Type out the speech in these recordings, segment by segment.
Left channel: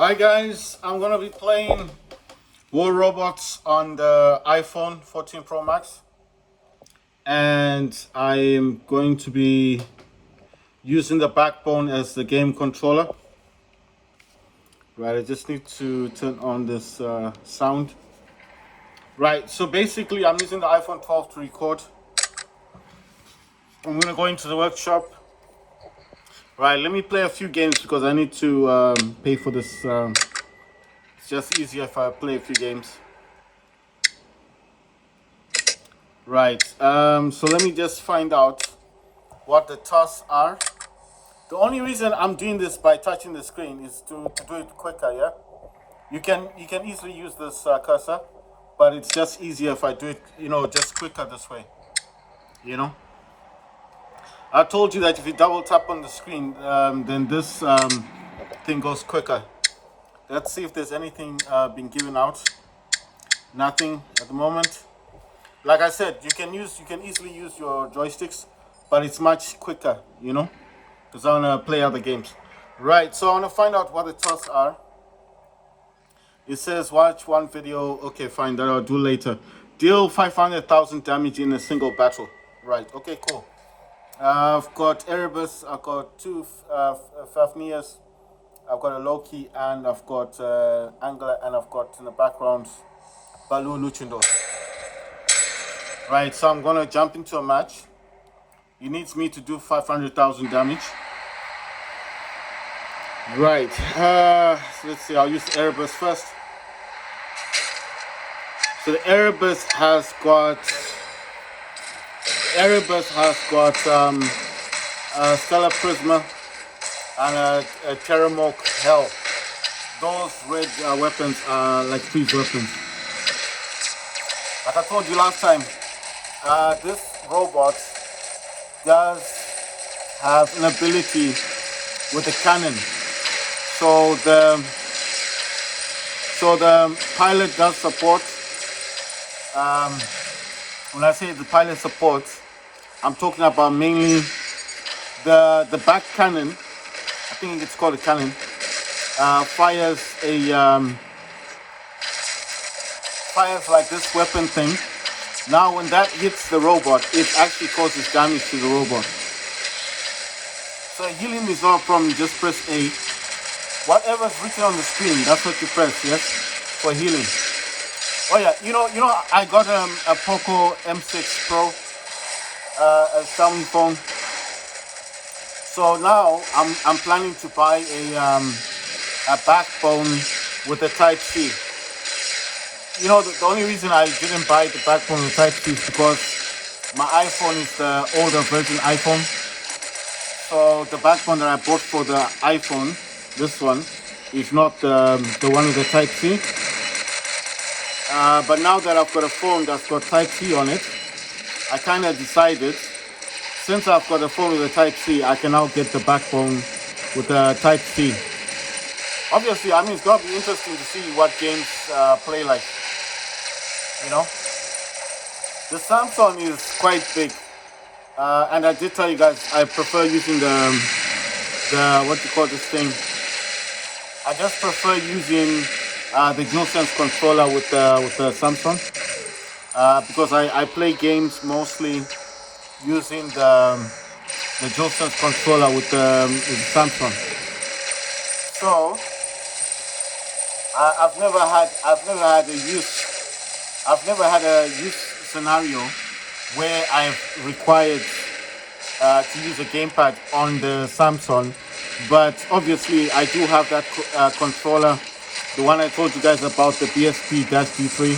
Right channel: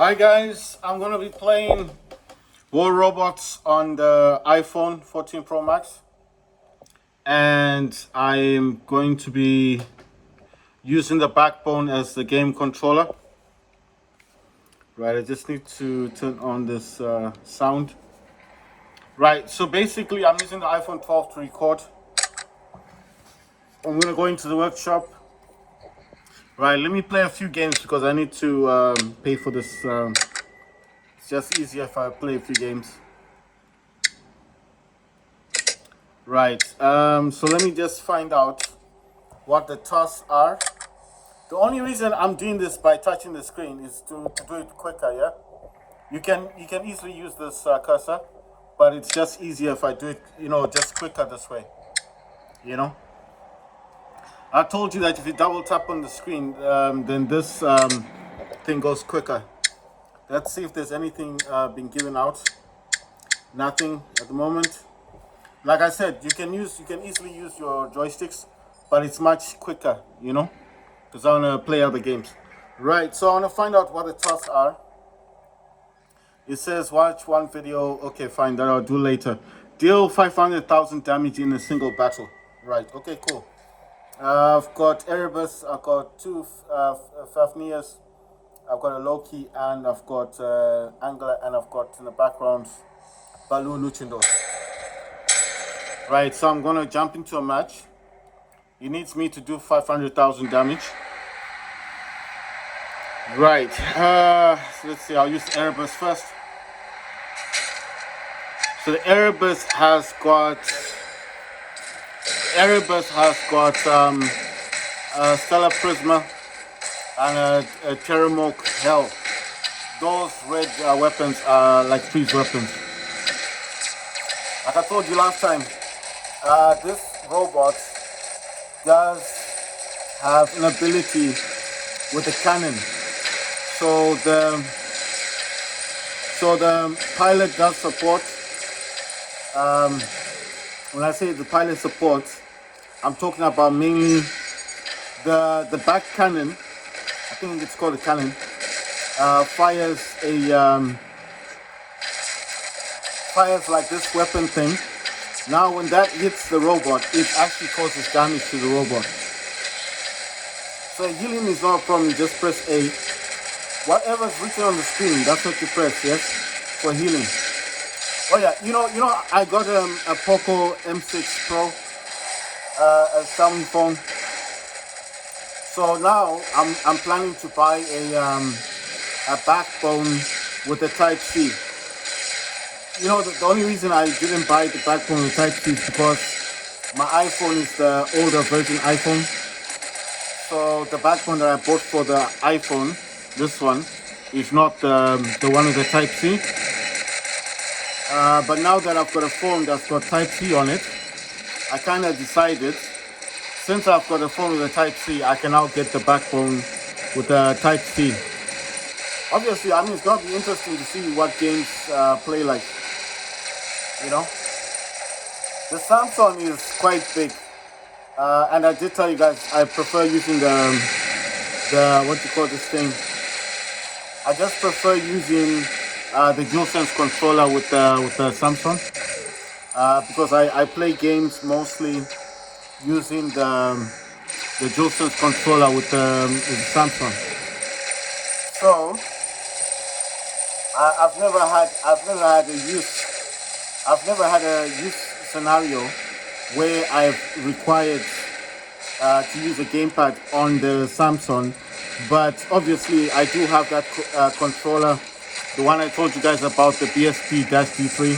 Hi guys, I'm gonna be playing War Robots on the iPhone 14 Pro Max, and I am going to be using the BackBone as the game controller. Right, I just need to turn on this sound. Right, so basically I'm using the iPhone 12 to record. I'm gonna go into the workshop. Right, let me play a few games because I need to pay for this. It's just easier if I play a few games. Right, so let me just find out what the tasks are. The only reason I'm doing this by touching the screen is to do it quicker, yeah? You can easily use this cursor, but it's just easier if I do it, just quicker this way, you know? I told you that if you double tap on the screen, then this thing goes quicker. Let's see if there's anything being given out. Nothing at the moment. Like I said, you can easily use your joysticks, but it's much quicker, because I want to play other games. Right, so I want to find out what the tasks are. It says watch one video. Okay, fine, that I'll do later. Deal 500,000 damage in a single battle. Right, okay, cool. I've got Erebus, I've got two Fafnias, I've got a Loki, and I've got Angler, and I've got in the background Balu Luchindo. Right, so I'm gonna jump into a match. He needs me to do 500,000 damage. Right, so let's see, I'll use Erebus first. So the Erebus has got Stellar Prisma and a Terramorph Hell. Those red weapons are like freeze weapons. Like I told you last time, this robot does have an ability with the cannon. So the pilot does support. When I say the pilot supports, I'm talking about mainly the back cannon. I think it's called a cannon. Fires like this weapon thing. Now when that hits the robot, it actually causes damage to the robot. So healing is not a problem, just press A. Whatever's written on the screen, that's what you press, yes? For healing. Oh yeah, I got a Poco M6 Pro, a Xiaomi phone. So now I'm planning to buy a BackBone with a Type-C. The only reason I didn't buy the BackBone with Type-C is because my iPhone is the older version iPhone. So the BackBone that I bought for the iPhone, this one, is not the one with the Type-C. But now that I've got a phone that's got Type-C on it, I kind of decided, since I've got a phone with a Type-C, I can now get the BackBone with a Type-C. Obviously, it's going to be interesting to see what games play like, The Samsung is quite big. And I did tell you guys, I prefer using the what you call this thing? I just prefer using the DualSense controller with the Samsung because I play games mostly using the DualSense controller with the Samsung. So I've never had a use scenario where I've required to use a gamepad on the Samsung, but obviously I do have that controller, the one I told you guys about, the BSP-D3,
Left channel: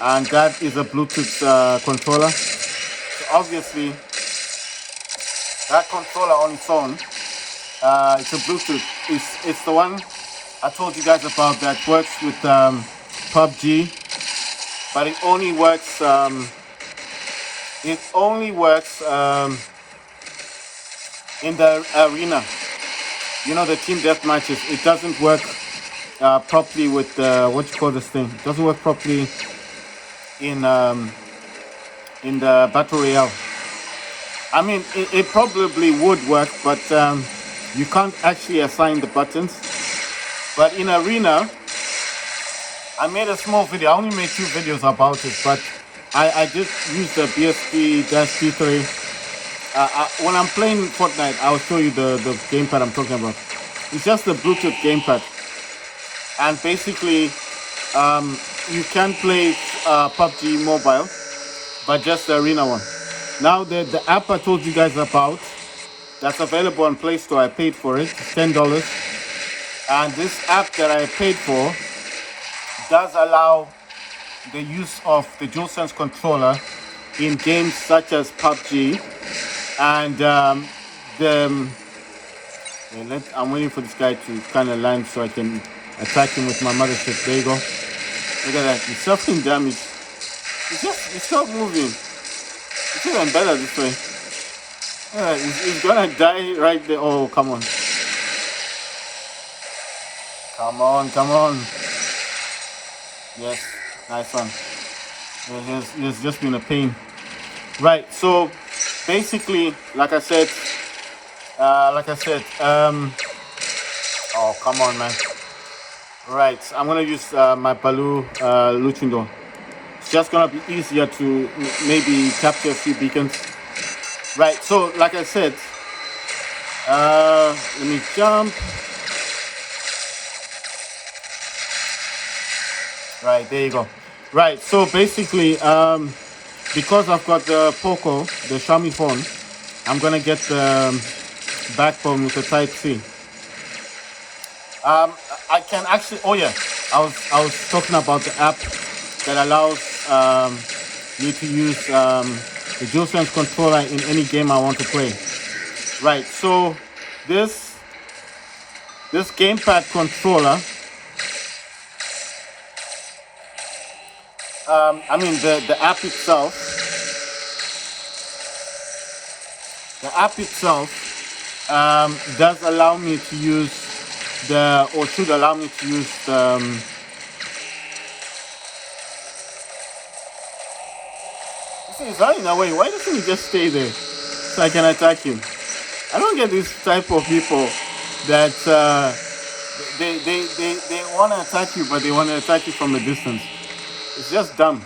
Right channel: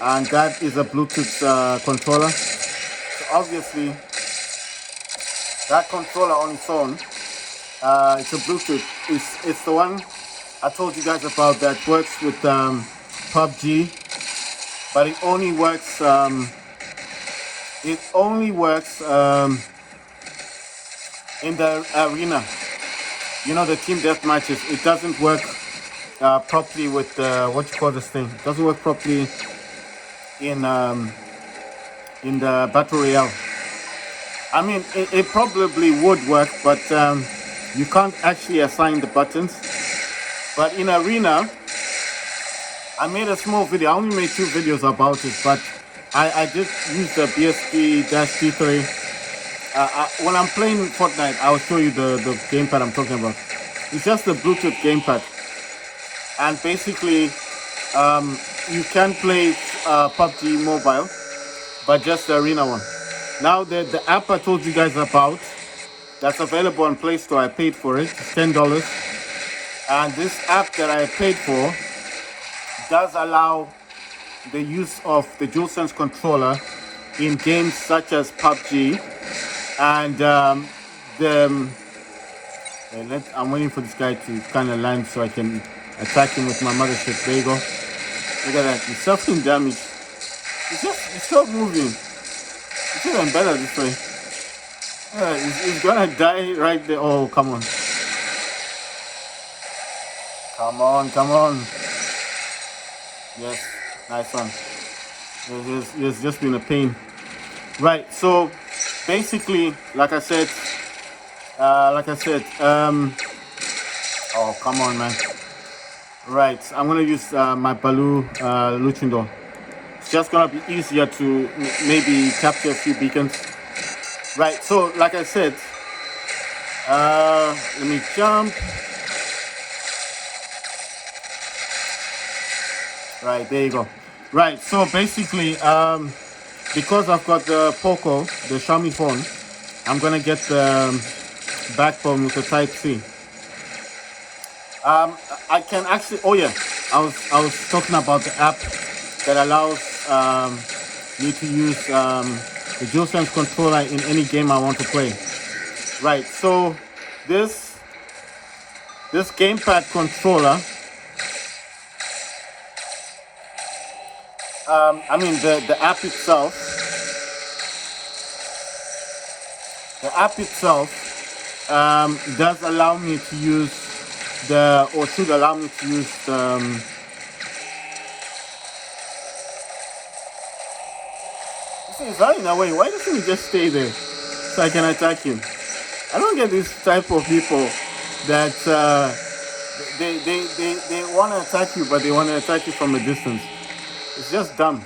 and that is a Bluetooth controller. So obviously that controller on its own, it's a Bluetooth. It's the one I told you guys about that works with PUBG, but it only works. In the arena, the team death matches. It doesn't work properly with what you call this thing. It doesn't work properly in the battle royale. It probably would work, but you can't actually assign the buttons. But in Arena, I made a small video. I only made 2 videos about it, but I did use the BSP-T3. When I'm playing Fortnite, I'll show you the gamepad I'm talking about. It's just the Bluetooth gamepad, and basically you can play PUBG Mobile, but just the Arena one. Now the app I told you guys about, that's available on Play Store. I paid for it. It's $10, and this app that I paid for does allow the use of the DualSense controller in games such as PUBG and I'm waiting for this guy to kind of land so I can attack him with my mothership. There you go. Look at that. He's suffering damage. It's still moving. It's even better this way. Yeah, he's gonna die right there. Oh, come on. Come on, come on. Yes, nice one. It's just been a pain. Right, so basically, like I said, oh, come on, man. Right, I'm gonna use my Baloo Luchindo. It's just gonna be easier to maybe capture a few beacons. Right, so like I said, let me jump. Right, there you go. Right, so basically, because I've got the Poco, the Xiaomi phone, I'm gonna get the BackBone with the Type-C. I can actually, oh yeah, I was talking about the app that allows me to use the DualSense controller in any game I want to play. Right, so this gamepad controller, I mean the app itself, does allow me to use or should allow me to use the he's running away. Why doesn't he just stay there so I can attack him? I don't get this type of people that they want to attack you, but they want to attack you from a distance. It's just dumb.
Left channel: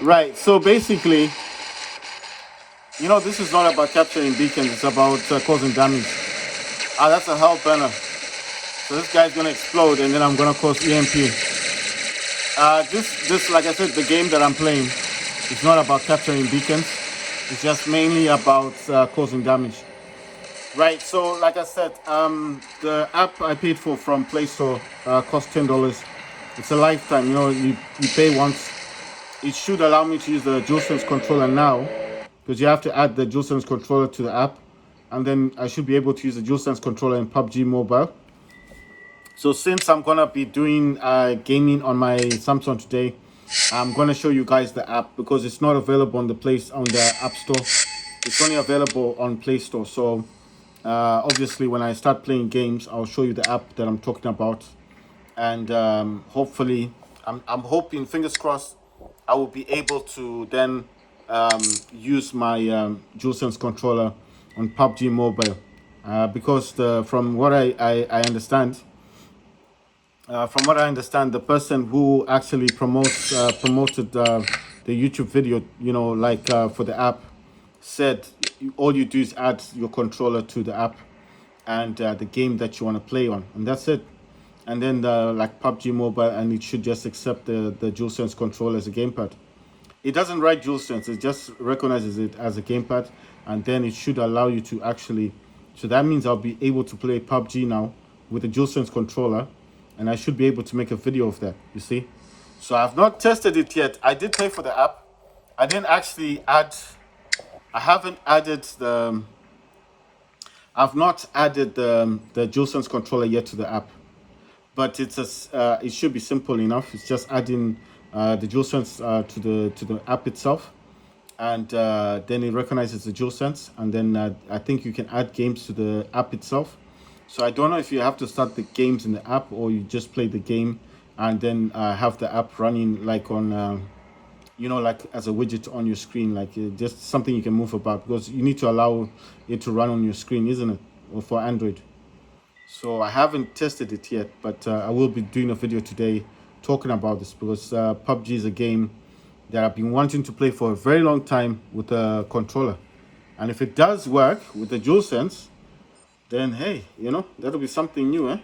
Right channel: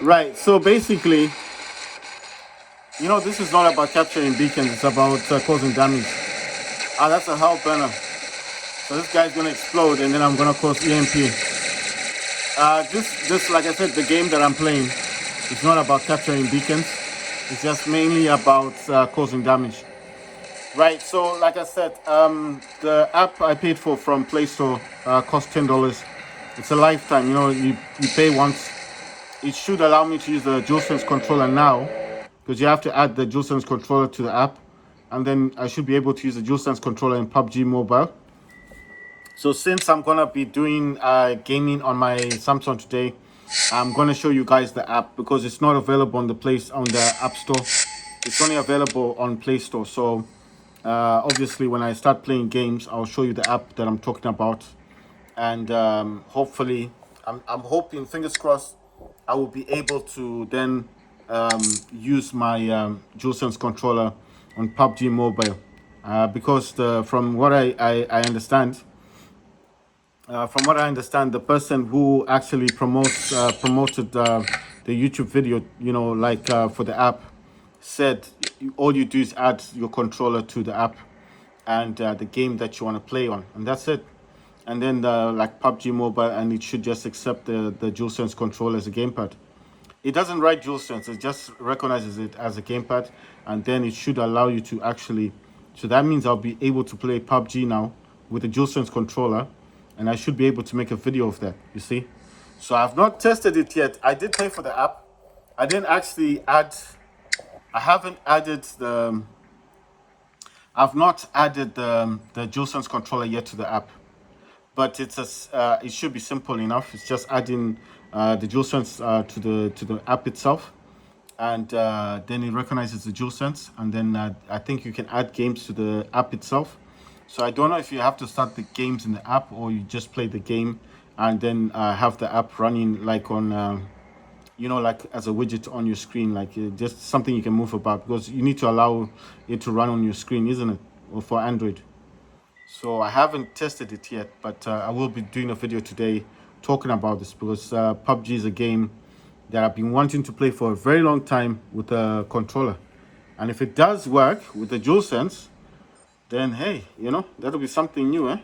Right, so basically, you know, this is not about capturing beacons, it's about causing damage. Ah, that's a hell burner. So this guy's gonna explode and then I'm gonna cause EMP. This, like I said, the game that I'm playing, it's not about capturing beacons. It's just mainly about causing damage. Right, so like I said, the app I paid for from Play Store cost $10. It's a lifetime, you know, you pay once. It should allow me to use the DualSense controller now, because you have to add the DualSense controller to the app, and then I should be able to use the DualSense controller in PUBG Mobile. So since I'm gonna be doing gaming on my Samsung today, I'm gonna show you guys the app because it's not available on the App Store. It's only available on Play Store. So obviously, when I start playing games, I'll show you the app that I'm talking about, and hopefully, I'm hoping, fingers crossed, I will be able to then use my DualSense controller on PUBG Mobile, because from what I understand. From what I understand, the person who actually promoted the YouTube video, you know, like for the app, said all you do is add your controller to the app and the game that you want to play on, and that's it. And then like PUBG Mobile, and it should just accept the DualSense controller as a gamepad. It doesn't write DualSense; it just recognizes it as a gamepad, and then it should allow you to actually. So that means I'll be able to play PUBG now with the DualSense controller, and I should be able to make a video of that, you see. So I've not tested it yet. I did pay for the app. I didn't actually I haven't added I've not added the DualSense controller yet to the app, but it should be simple enough. It's just adding the DualSense to the app itself, and then it recognizes the DualSense, and then I think you can add games to the app itself. So I don't know if you have to start the games in the app or you just play the game and then have the app running like on, you know, like as a widget on your screen, like just something you can move about, because you need to allow it to run on your screen, isn't it? Or for Android. So I haven't tested it yet, but I will be doing a video today talking about this because PUBG is a game that I've been wanting to play for a very long time with a controller. And if it does work with the DualSense, then hey, that'll be something new, eh?